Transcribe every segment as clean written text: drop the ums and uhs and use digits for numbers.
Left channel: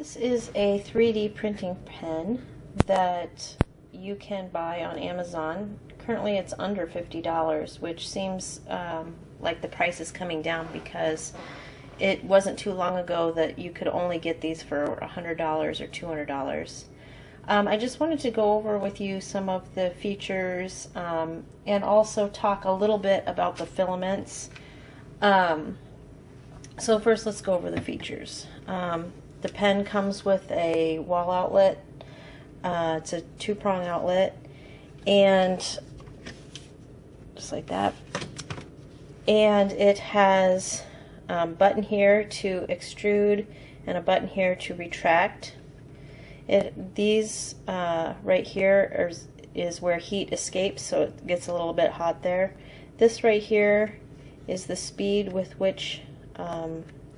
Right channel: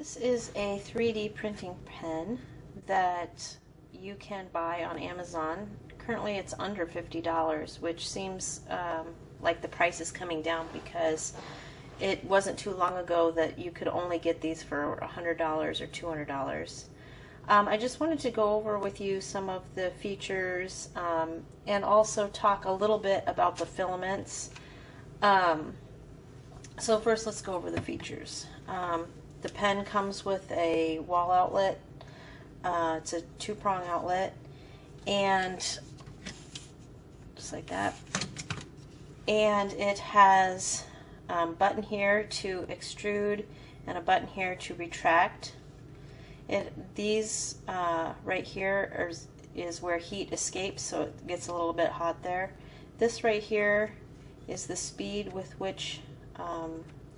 This is a 3D printing pen that you can buy on Amazon. Currently it's under $50, which seems like the price is coming down because it wasn't too long ago that you could only get these for $100 or $200. I just wanted to go over with you some of the features and also talk a little bit about the filaments. So first let's go over the features. The pen comes with a wall outlet. It's a two-prong outlet, and just like that. And it has a button here to extrude and a button here to retract. These right here is where heat escapes, so it gets a little bit hot there. This right here is the speed with which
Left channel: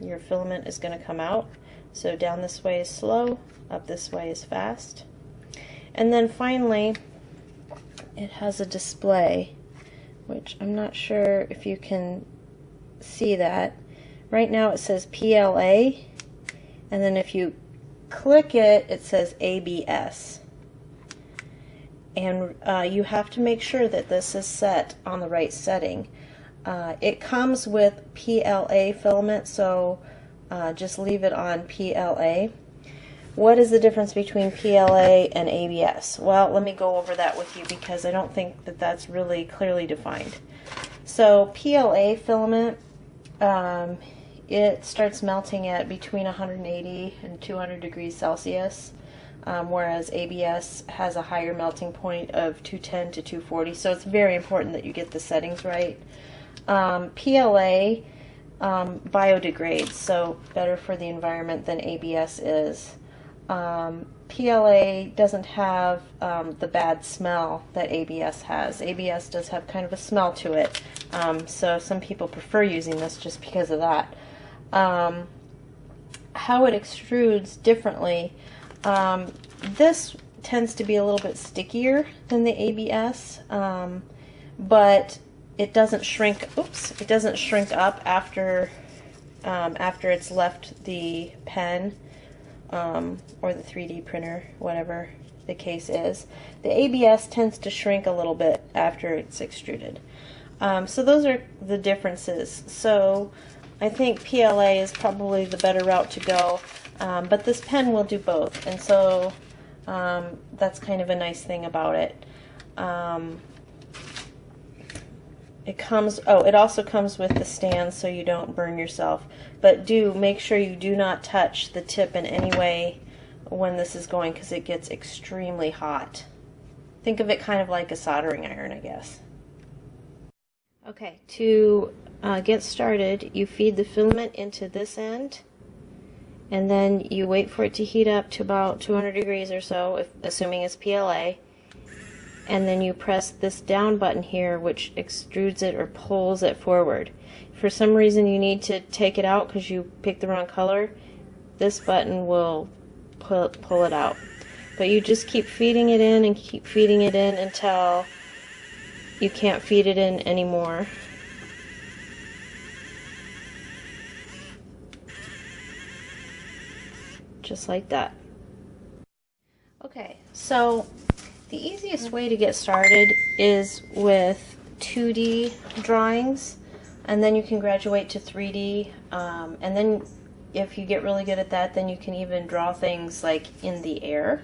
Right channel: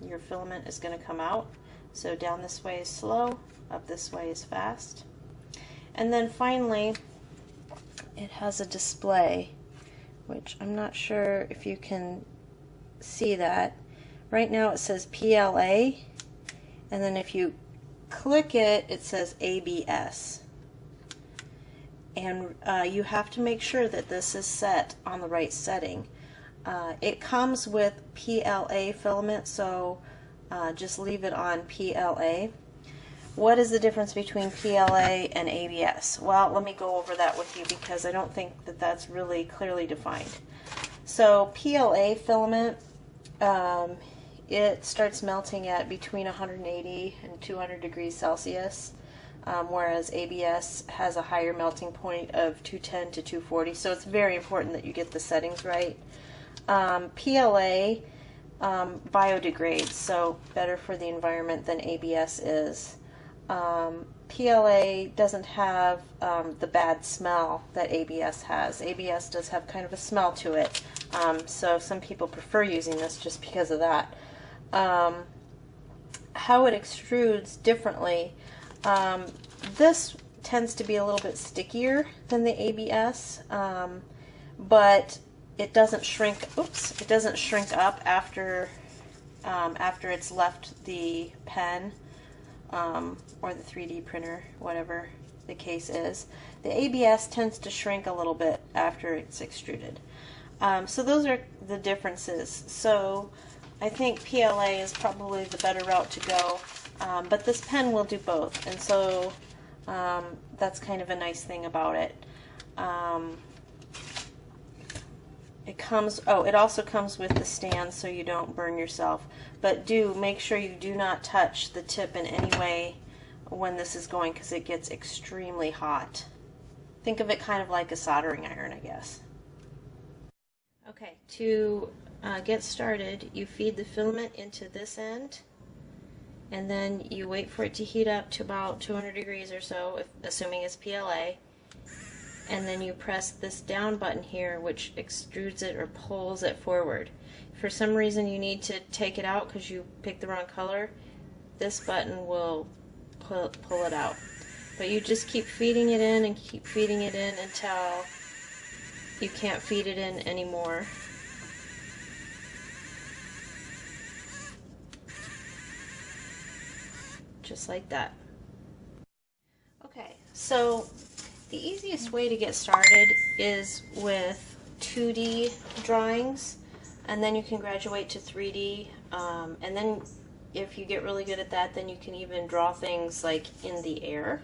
your filament is going to come out. So down this way is slow, up this way is fast. And then finally, it has a display, which I'm not sure if you can see that. Right now it says PLA, and then if you click it, it says ABS. And you have to make sure that this is set on the right setting. It comes with PLA filament, so just leave it on PLA. What is the difference between PLA and ABS? Well, let me go over that with you because I don't think that that's really clearly defined. So PLA filament, it starts melting at between 180 and 200 degrees Celsius, whereas ABS has a higher melting point of 210 to 240, so it's very important that you get the settings right. PLA biodegrades, so better for the environment than ABS is. PLA doesn't have the bad smell that ABS has. ABS does have kind of a smell to it, so some people prefer using this just because of that. How it extrudes differently, this tends to be a little bit stickier than the ABS, but it doesn't shrink. It doesn't shrink up after it's left the pen or the 3D printer, whatever the case is. The ABS tends to shrink a little bit after it's extruded. So those are the differences. So I think PLA is probably the better route to go, but this pen will do both, and so that's kind of a nice thing about it. It also comes with the stand so you don't burn yourself, but do make sure you do not touch the tip in any way when this is going, because it gets extremely hot. Think of it kind of like a soldering iron, I guess. Okay, to get started, you feed the filament into this end, and then you wait for it to heat up to about 200 degrees or so, assuming it's PLA. And then you press this down button here, which extrudes it or pulls it forward. If for some reason you need to take it out because you picked the wrong color, this button will pull it out. But you just keep feeding it in and keep feeding it in until you can't feed it in anymore. Just like that. Okay, so the easiest way to get started is with 2D drawings, and then you can graduate to 3D, and then if you get really good at that, then you can even draw things like in the air.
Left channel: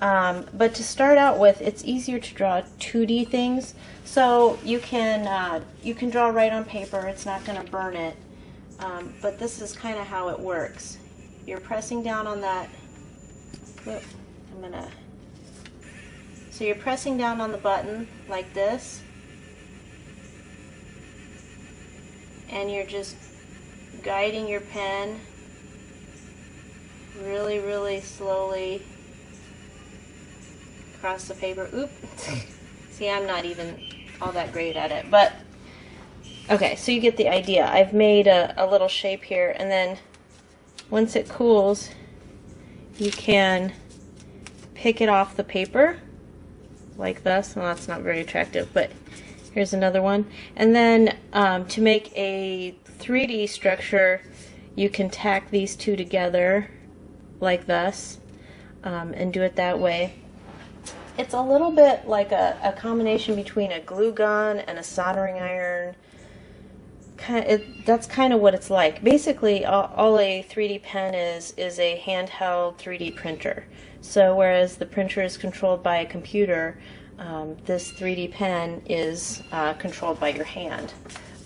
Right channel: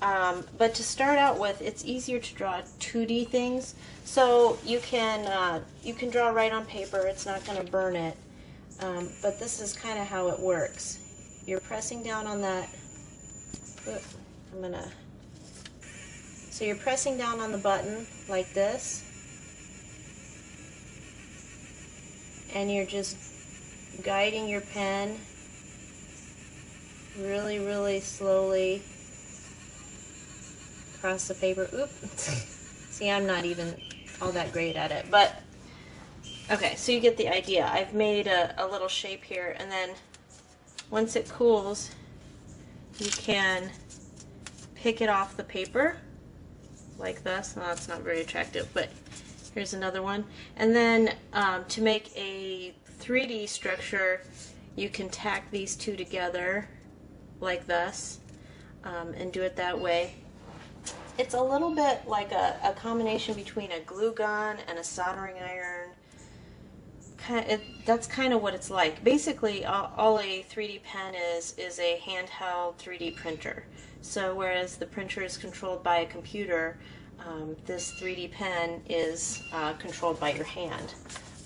But to start out with, it's easier to draw 2D things, so you can draw right on paper. It's not going to burn it, but this is kind of how it works. You're pressing down on that. So you're pressing down on the button like this, and you're just guiding your pen really, really slowly across the paper. Oop! See, I'm not even all that great at it, but okay, so you get the idea. I've made a little shape here, and then once it cools, you can pick it off the paper like this. Well, that's not very attractive, but here's another one. And then to make a 3D structure, you can tack these two together like thus, and do it that way. It's a little bit like a combination between a glue gun and a soldering iron. That's kind of what it's like. Basically, all a 3D pen is a handheld 3D printer. So whereas the printer is controlled by a computer, this 3D pen is controlled by your hand.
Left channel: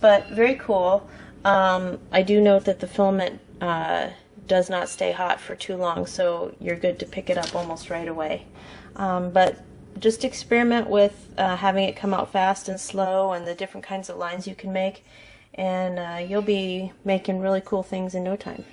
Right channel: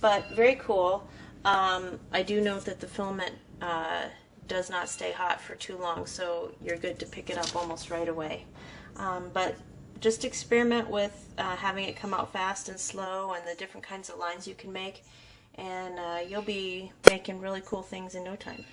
But very cool. I do note that the filament does not stay hot for too long, so you're good to pick it up almost right away. But just experiment with having it come out fast and slow and the different kinds of lines you can make, and you'll be making really cool things in no time.